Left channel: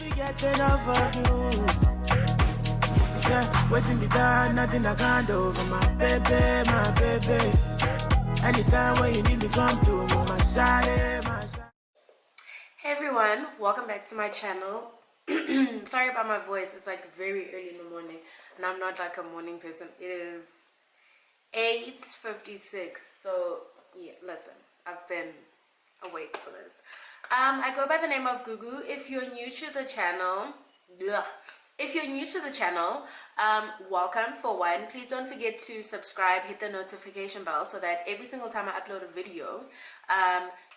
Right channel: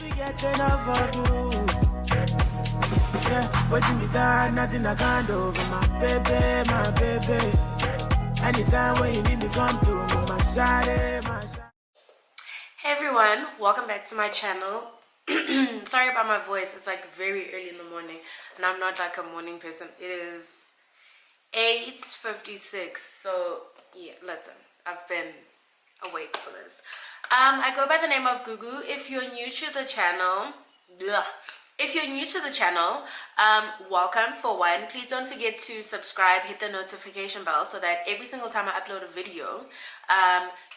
be getting enough of you. Yeah, waiting me down, nothing I can't do over my baby, my baby. Anytime when you need me, come to me, my side, my side. Hey everyone, welcome back to my channel. Sorry about my voice, it's like very early in the morning and I'm not like a morning person. It is 8:56, so yeah, listen, I've been awake for this. I go by the name of Gugu. If you're new to the channel, welcome for one. Please don't forget to subscribe, hit the notification bell so that every single time I upload a video,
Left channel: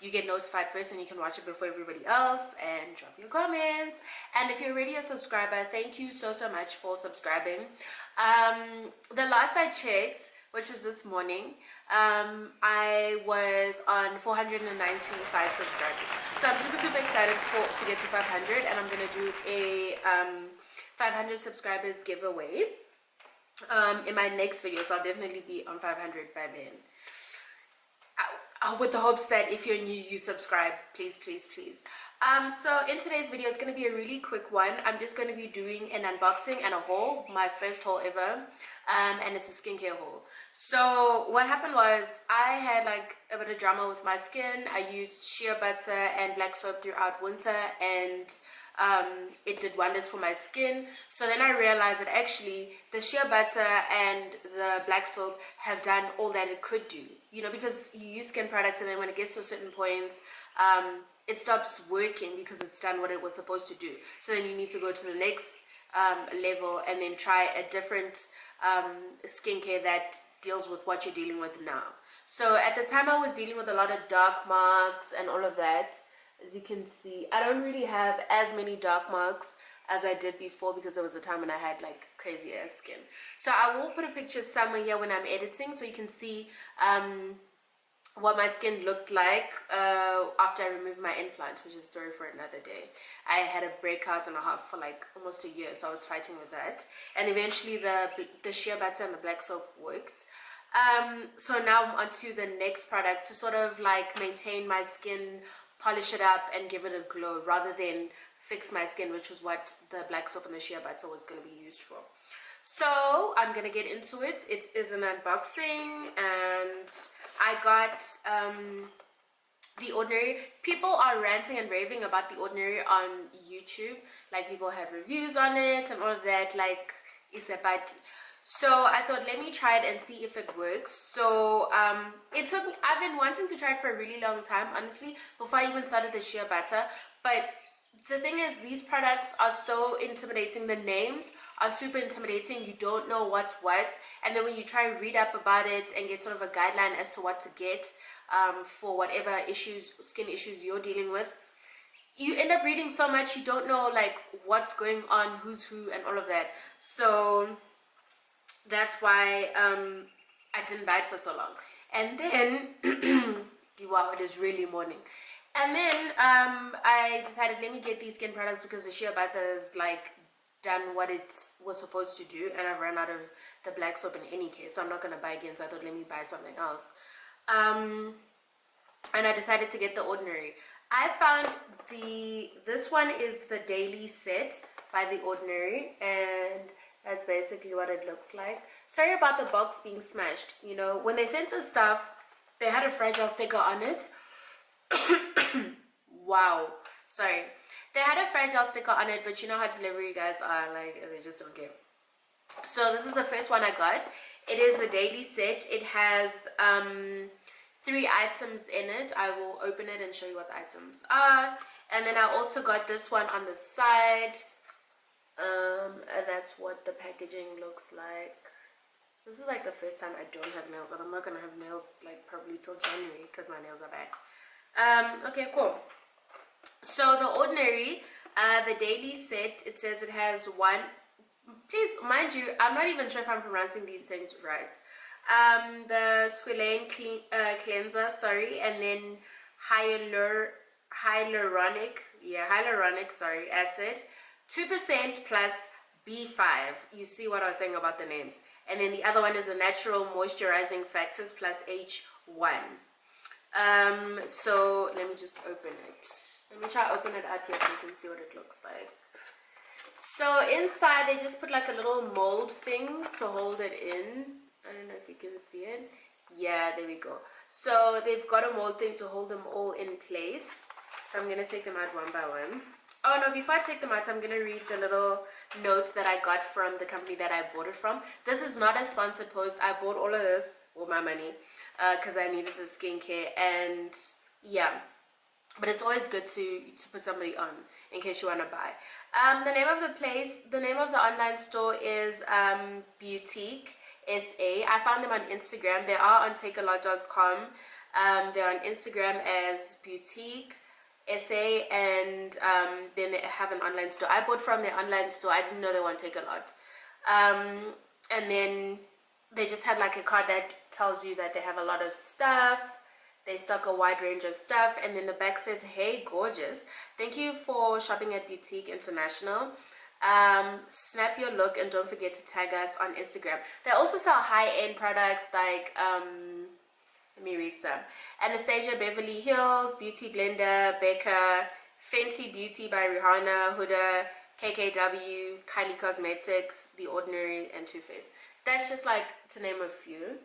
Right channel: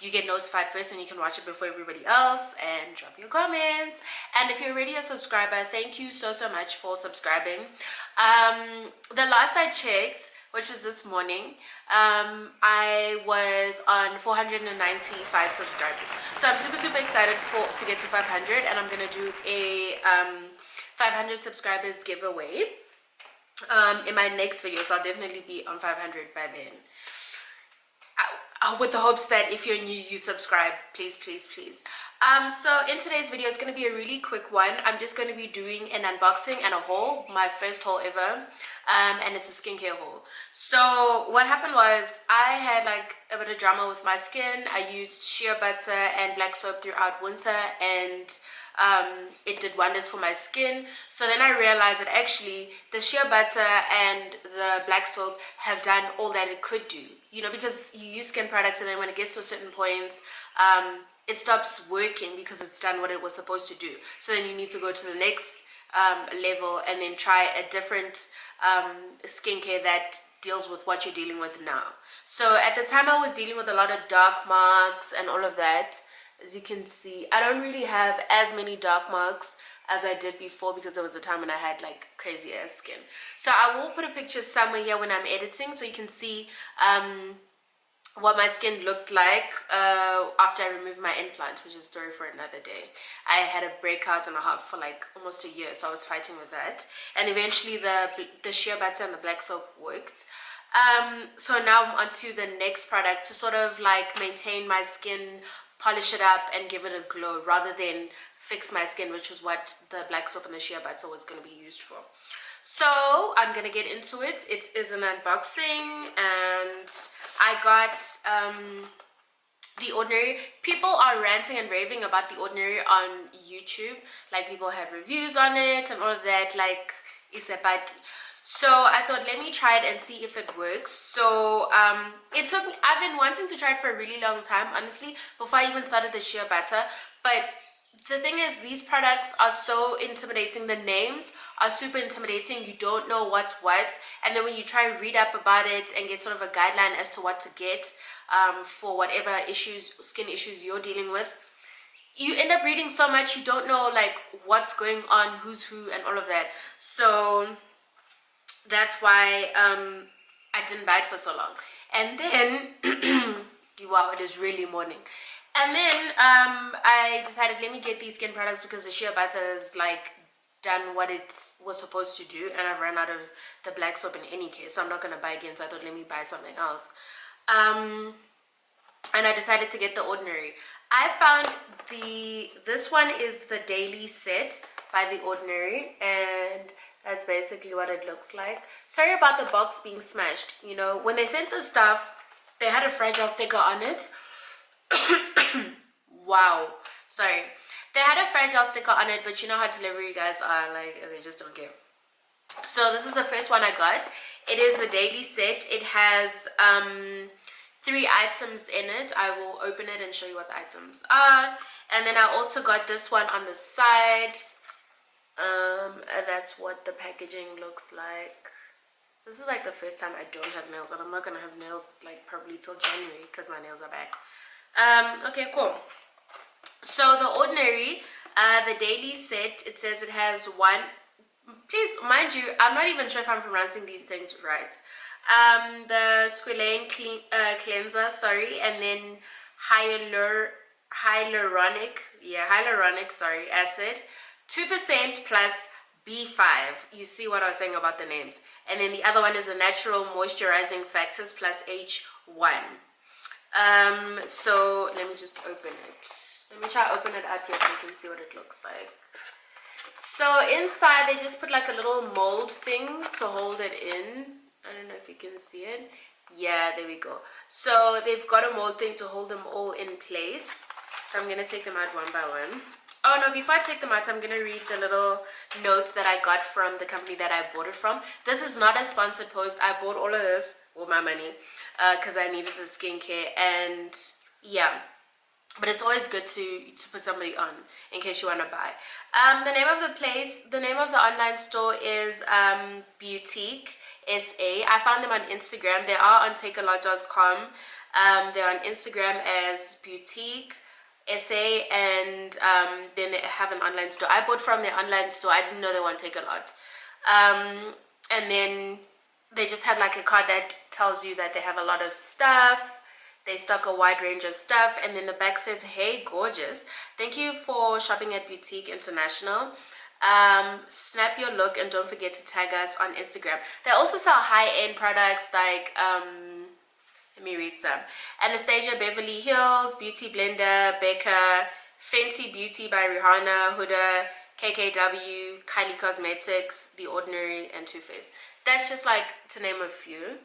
you get notified first and you can watch it before everybody else, and drop your comments. And if you're already a subscriber, thank you so much for subscribing. The last I checked, which was this morning, I was on 495 subscribers. So I'm super excited to get to 500, and I'm gonna do a 500 subscribers giveaway in my next video. So I'll definitely be on 500 by then. With the hopes that if you're new, you subscribe, please. So in today's video, it's going to be a really quick one. I'm just going to be doing an unboxing and a haul, my first haul ever, and it's a skincare haul. So what happened was I had like a bit of drama with my skin. I used shea butter and black soap throughout winter, and it did wonders for my skin. So then I realized that actually the shea butter and the black soap have done all that it could do, you know, because you use skin products and then when it gets to a certain point, it stops working because it's done what it was supposed to do. So then you need to go to the next level and then try a different skincare that deals with what you're dealing with now. So at the time I was dealing with a lot of dark marks and all of that. As you can see, I don't really have as many dark marks as I did before because there was a time when I had like crazy ass skin. So I will put a picture somewhere here when I'm editing so you can see what my skin looked like after I removed my implant, which is a story for another day. I had a breakout and a half for like almost a year, so I was fighting with that. And eventually the shea butter and the black soap worked. So now I'm onto the next product to sort of like maintain my skin, polish it up and give it a glow rather than fix my skin, which was what the black soap and the shea butter was going to be used for. So I'm gonna get into it. It is an unboxing, and I got The Ordinary. People are ranting and raving about The Ordinary on YouTube. Like, people have reviews on it and all of that, like isepati. So I thought, let me try it and see if it works. So it took me, I've been wanting to try it for a really long time, honestly, before I even started the shea butter. But the thing is, these products are so intimidating. The names are super intimidating. You don't know what's what, and then when you try to read up about it and get sort of a guideline as to what to get for whatever skin issues you're dealing with, you end up reading so much you don't know like what's going on, who's who, and all of that. So that's why I didn't buy it for so long. And then wow, it is really morning. And then I decided, let me get these skin products because the shea butter is like done what it was supposed to do, and I've run out of the black soap in any case, so I'm not going to buy again. So I thought, let me buy something else. And I decided to get The Ordinary. I found this one is the Daily Set by The Ordinary, and that's basically what it looks like. Sorry about the box being smashed. You know, when they sent the stuff, they had a fragile sticker on it. Wow, sorry, they had a fragile sticker on it, but you know how delivery guys are, like, they just don't care. So this is the first one I got. It is the Daily Set. It has 3 items in it. I will open it and show you what the items are. And then I also got this one on the side. That's what the packaging looks like. This is like the first time I don't have nails, and I'm not gonna have nails like probably till January because my nails are back. Okay, cool. So The Ordinary, the Daily Set, it says it has one, please mind you, I'm not even sure if I'm pronouncing these things right. The squalane cleanser, sorry, and then hyaluronic acid, 2% plus B5. You see what I was saying about the names. And then the other one is the natural moisturizing factors plus H1. So let me just open it. Let me try open it up here so you can see what it looks like. So inside they just put like a little mold thing to hold it in. I don't know if you can see it. Yeah, there we go. So they've got a mold thing to hold them all in place. So I'm gonna take them out one by one. Oh no, before I take them out, I'm gonna read the little notes that I got from the company that I bought it from. This is not a sponsored post. I bought all of this with my money because I needed the skincare, and yeah, but it's always good to put somebody on in case you want to buy. The name of the online store is Boutique SA. I found them on Instagram. They are on takealot.com. They're on Instagram as Boutique SA, and then they have an online store. I bought from their online store. I didn't know they want Take a Lot. And then they just have like a card that tells you that they have a lot of stuff. They stock a wide range of stuff, and then the back says, "Hey, gorgeous. Thank you for shopping at Boutique International. Snap your look and don't forget to tag us on Instagram." They also sell high-end products like, let me read some. Anastasia Beverly Hills, Beauty Blender, Becca, Fenty Beauty by Rihanna, Huda, KKW, Kylie Cosmetics, The Ordinary, and Too Faced. That's just like to name a few.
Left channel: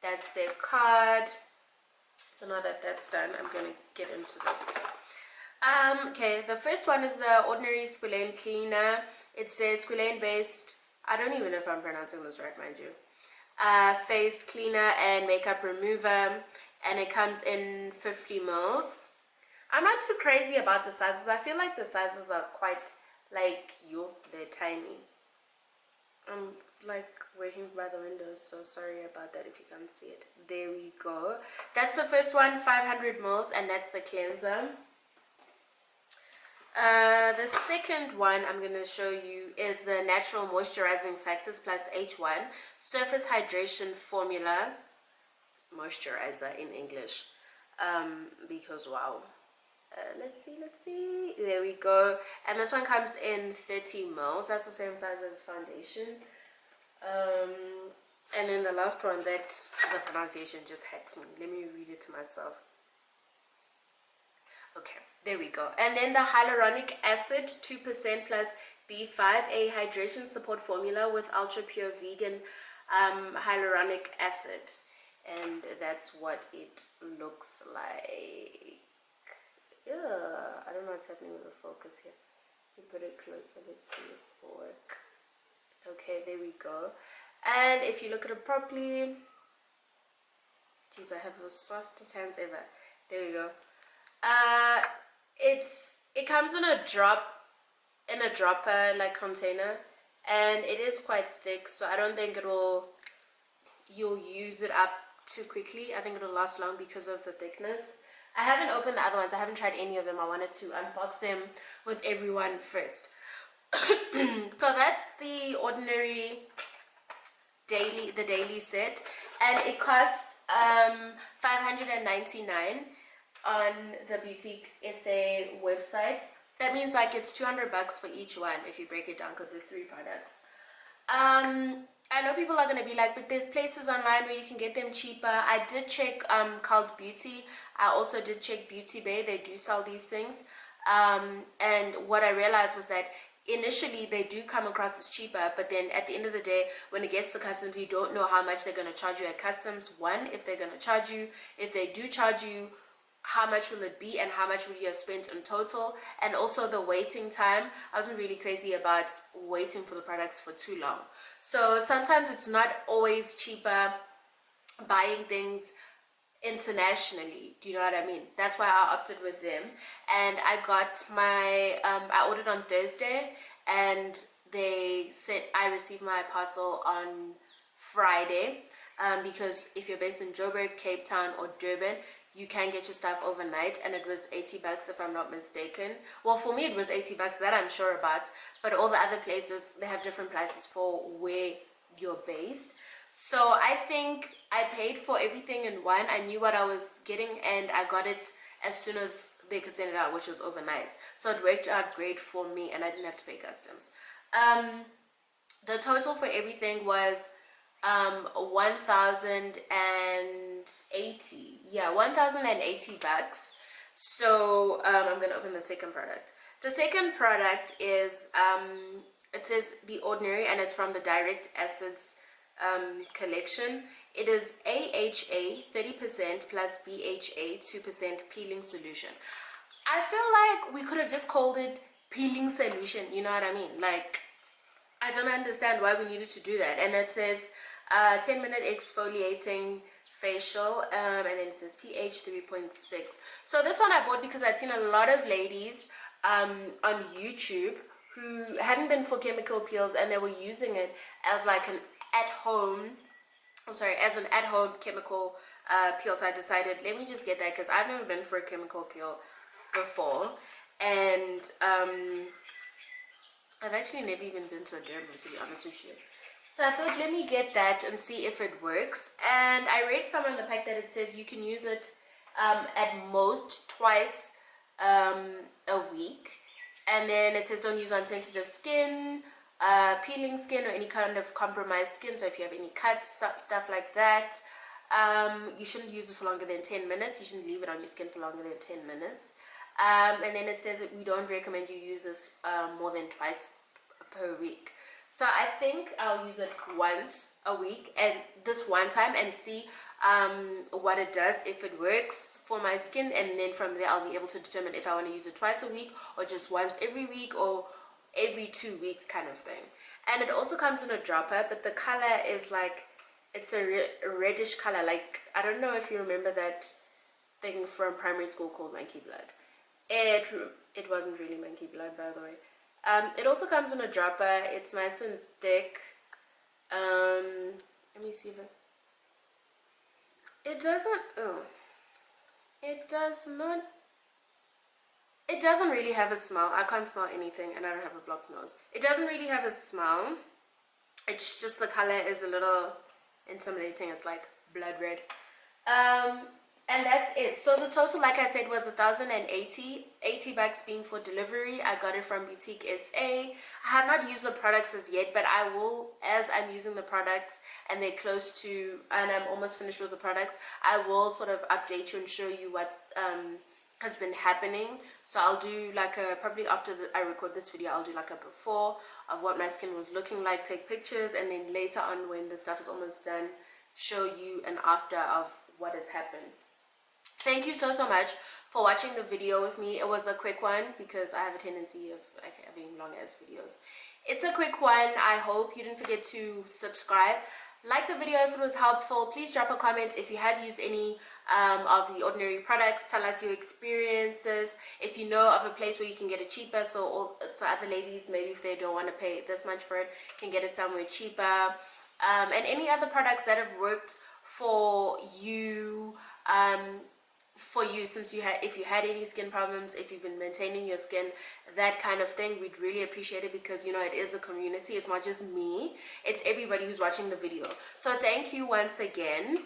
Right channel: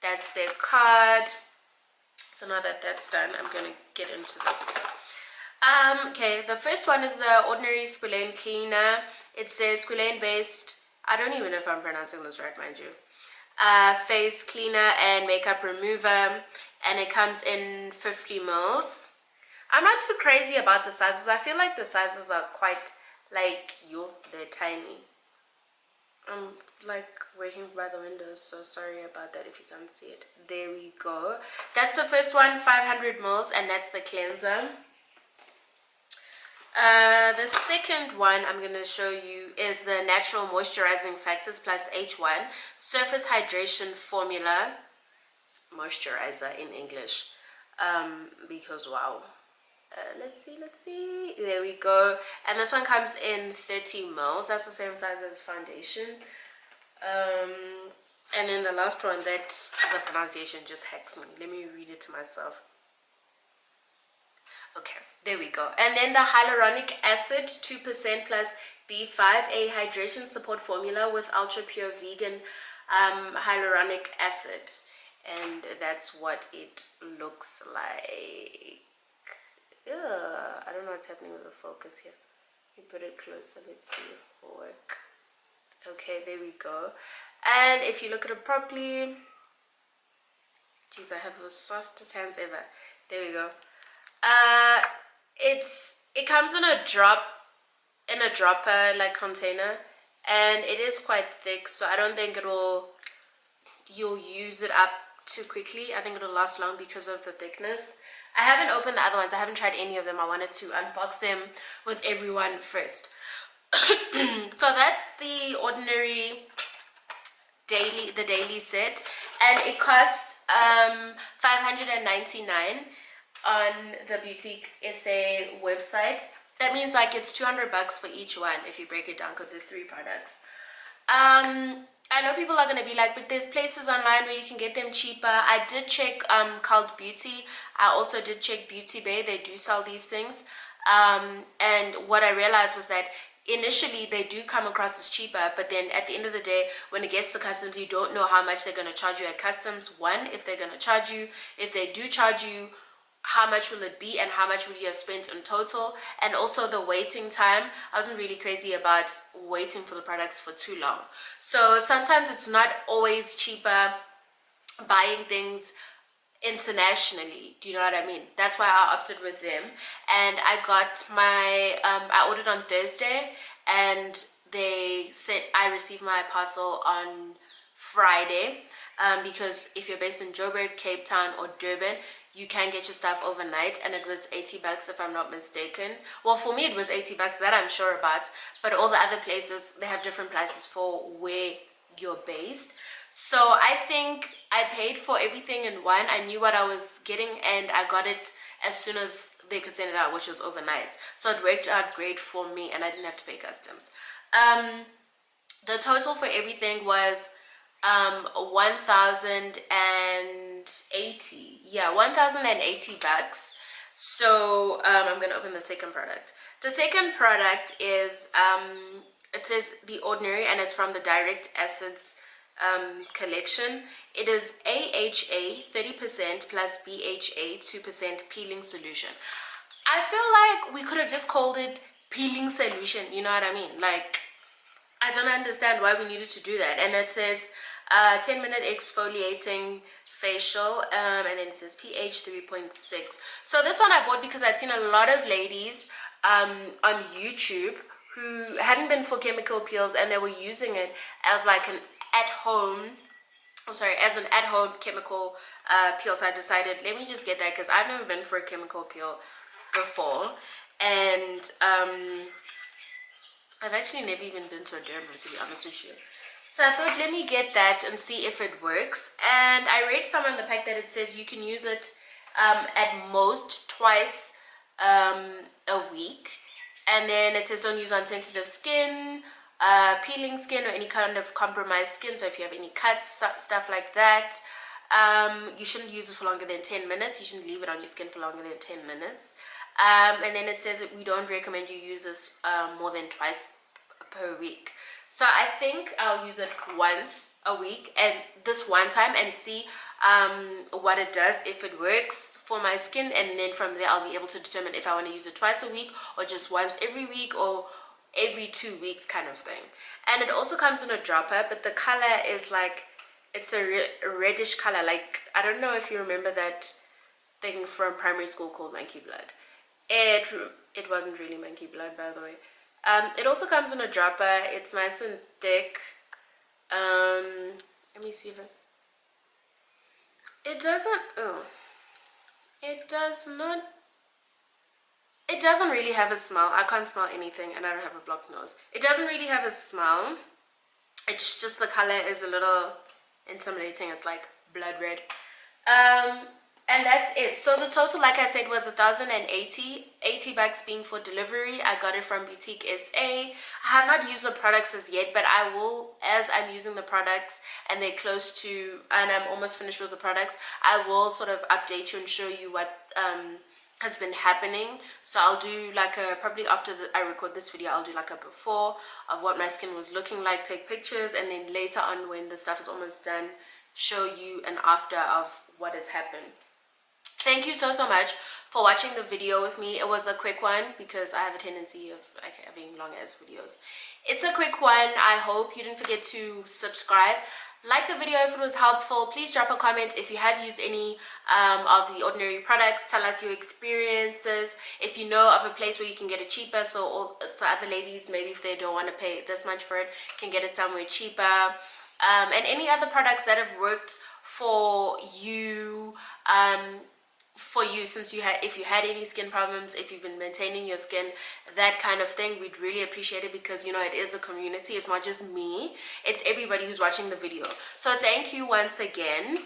That's their card. So now that that's done, I'm going to get into this. Okay, the first one is the Ordinary Squalane Cleaner. It says squalane based, I don't even know if I'm pronouncing this right, mind you, face cleaner and makeup remover, and it comes in 50 mils. I'm not too crazy about the sizes. I feel like the sizes are quite like they're tiny. I'm like working by the windows, so sorry about that if you can't see it. There we go. That's the first one, 500 mils, and that's the cleanser. The second one I'm going to show you is the Natural Moisturizing Factors plus H1 Surface Hydration Formula Moisturizer in English, because wow. Let's see, there we go. And this one comes in 30 mils. That's the same size as foundation. And then the last one, that the pronunciation just hacks me. Let me read it to myself. Okay, there we go. And then the Hyaluronic Acid 2% plus B5A Hydration Support Formula with Ultra Pure Vegan Hyaluronic Acid. And that's what it looks like. I don't know what's happening with the focus here. Let me put it closer. Let's see if it will work. Okay, there we go. And if you look at it properly, geez, I have the softest hands ever. There we go. It comes in a dropper like container, and it is quite thick, so I don't think you'll use it up too quickly. I think it'll last long because of the thickness. I haven't opened the other ones. I haven't tried any of them. I wanted to unbox them with everyone first. So that's the Ordinary daily set, and it costs $599 on the Boutique SA website. That means like it's $200 for each one if you break it down, because there's 3 products. I know people are going to be like, but there's places online where you can get them cheaper. I did check Cult Beauty. I also did check Beauty Bay. They do sell these things. And what I realized was that initially they do come across as cheaper, but then at the end of the day, when it gets to customs, you don't know how much they're going to charge you at customs. One, if they're going to charge you. If they do charge you, how much will it be and how much will you have spent in total? And also the waiting time. I wasn't really crazy about waiting for the products for too long. So sometimes it's not always cheaper buying things internationally. Do you know what I mean? That's why I opted with them. And I got my I ordered on Thursday, and I received my parcel on Friday, because if you're based in Joburg, Cape Town, or Durban, you can get your stuff overnight, and it was $80 if I'm not mistaken. Well, for me it was $80, that I'm sure about, but all the other places, they have different prices for where you're based. So I think I paid for everything in one. I knew what I was getting, and I got it as soon as they could send it out, which was overnight. So it worked out great for me, and I didn't have to pay customs. The total for everything was 1,080. Yeah, $1,080. So I'm gonna open the second product. The second product is it says The Ordinary, and it's from the Direct Acids collection. It is AHA 30% plus BHA 2% peeling solution. I feel like we could have just called it peeling solution, you know what I mean? Like, I don't understand why we needed to do that. And it says 10-minute exfoliating facial, and then it says pH 3.6. So this one I bought because I'd seen a lot of ladies on YouTube who hadn't been for chemical peels, and they were using it as like an at-home, as an at-home chemical peel. So I decided, let me just get that, because I've never been for a chemical peel before, and I've actually never even been to a derma, to be honest with you. So I thought, let me get that and see if it works. And I read somewhere in the pack that it says you can use it at most twice a week. And then it says don't use on sensitive skin, peeling skin, or any kind of compromised skin. So if you have any cuts, stuff like that, you shouldn't use it for longer than 10 minutes. You shouldn't leave it on your skin for longer than 10 minutes. And then it says that we don't recommend you use this more than twice per week. So I think I'll use it once a week, and this one time, and see what it does, if it works for my skin, and then from there I'll be able to determine if I want to use it twice a week, or just once every week, or every 2 weeks kind of thing. And it also comes in a dropper, but the color is like, it's a reddish color. Like, I don't know if you remember that thing from primary school called monkey blood. It wasn't really monkey blood, by the way. It also comes in a dropper. It's nice and thick. Let me see if it doesn't, it doesn't really have a smell. I can't smell anything, and I don't have a blocked nose. It doesn't really have a smell. It's just the color is a little intimidating. It's like blood red. And that's it. So the total, like I said, was 1,080, 80 bucks being for delivery. I got it from Boutique SA. I have not used the products as yet, but I will, as I'm using the products and they're close to, and I'm almost finished with the products, I will sort of update you and show you what has been happening. So I'll do like a, probably after I record this video, I'll do like a before of what my skin was looking like, take pictures, and then later on when the stuff is almost done, show you an after of what has happened. Thank you so much for watching the video with me. It was a quick one because I have a tendency of like having long ass videos. It's a quick one. I hope you didn't forget to subscribe. Like the video if it was helpful. Please drop a comment if you have used any of the Ordinary products. Tell us your experiences. If you know of a place where you can get it cheaper, so other ladies, maybe if they don't want to pay this much for it, can get it somewhere cheaper. And any other products that have worked for you, since if you had any skin problems, if you've been maintaining your skin, that kind of thing, we'd really appreciate it, because you know, it is a community. It's not just me, it's everybody who's watching the video. So thank you once again.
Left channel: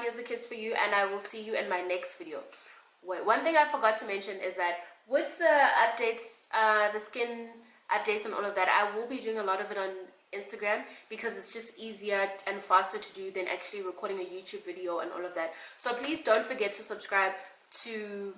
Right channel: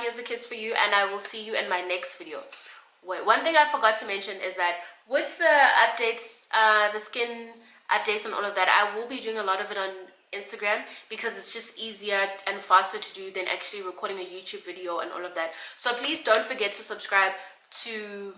Here's a kiss for you, and I will see you in my next video. Wait, one thing I forgot to mention is that with the updates, the skin updates and all of that, I will be doing a lot of it on Instagram, because it's just easier and faster to do than actually recording a YouTube video and all of that. So please don't forget to subscribe to,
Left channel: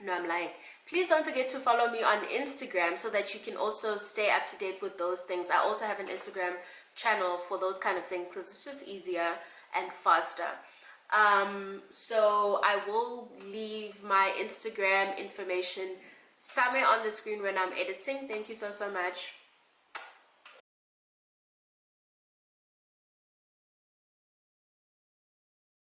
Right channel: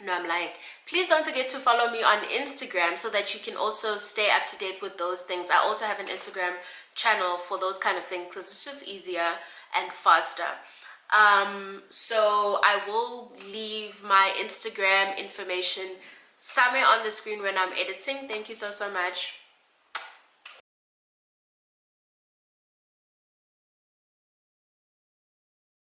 no, I'm lying. Please don't forget to follow me on Instagram so that you can also stay up to date with those things. I also have an Instagram channel for those kind of things, because it's just easier and faster. So I will leave my Instagram information somewhere on the screen when I'm editing. Thank you so much.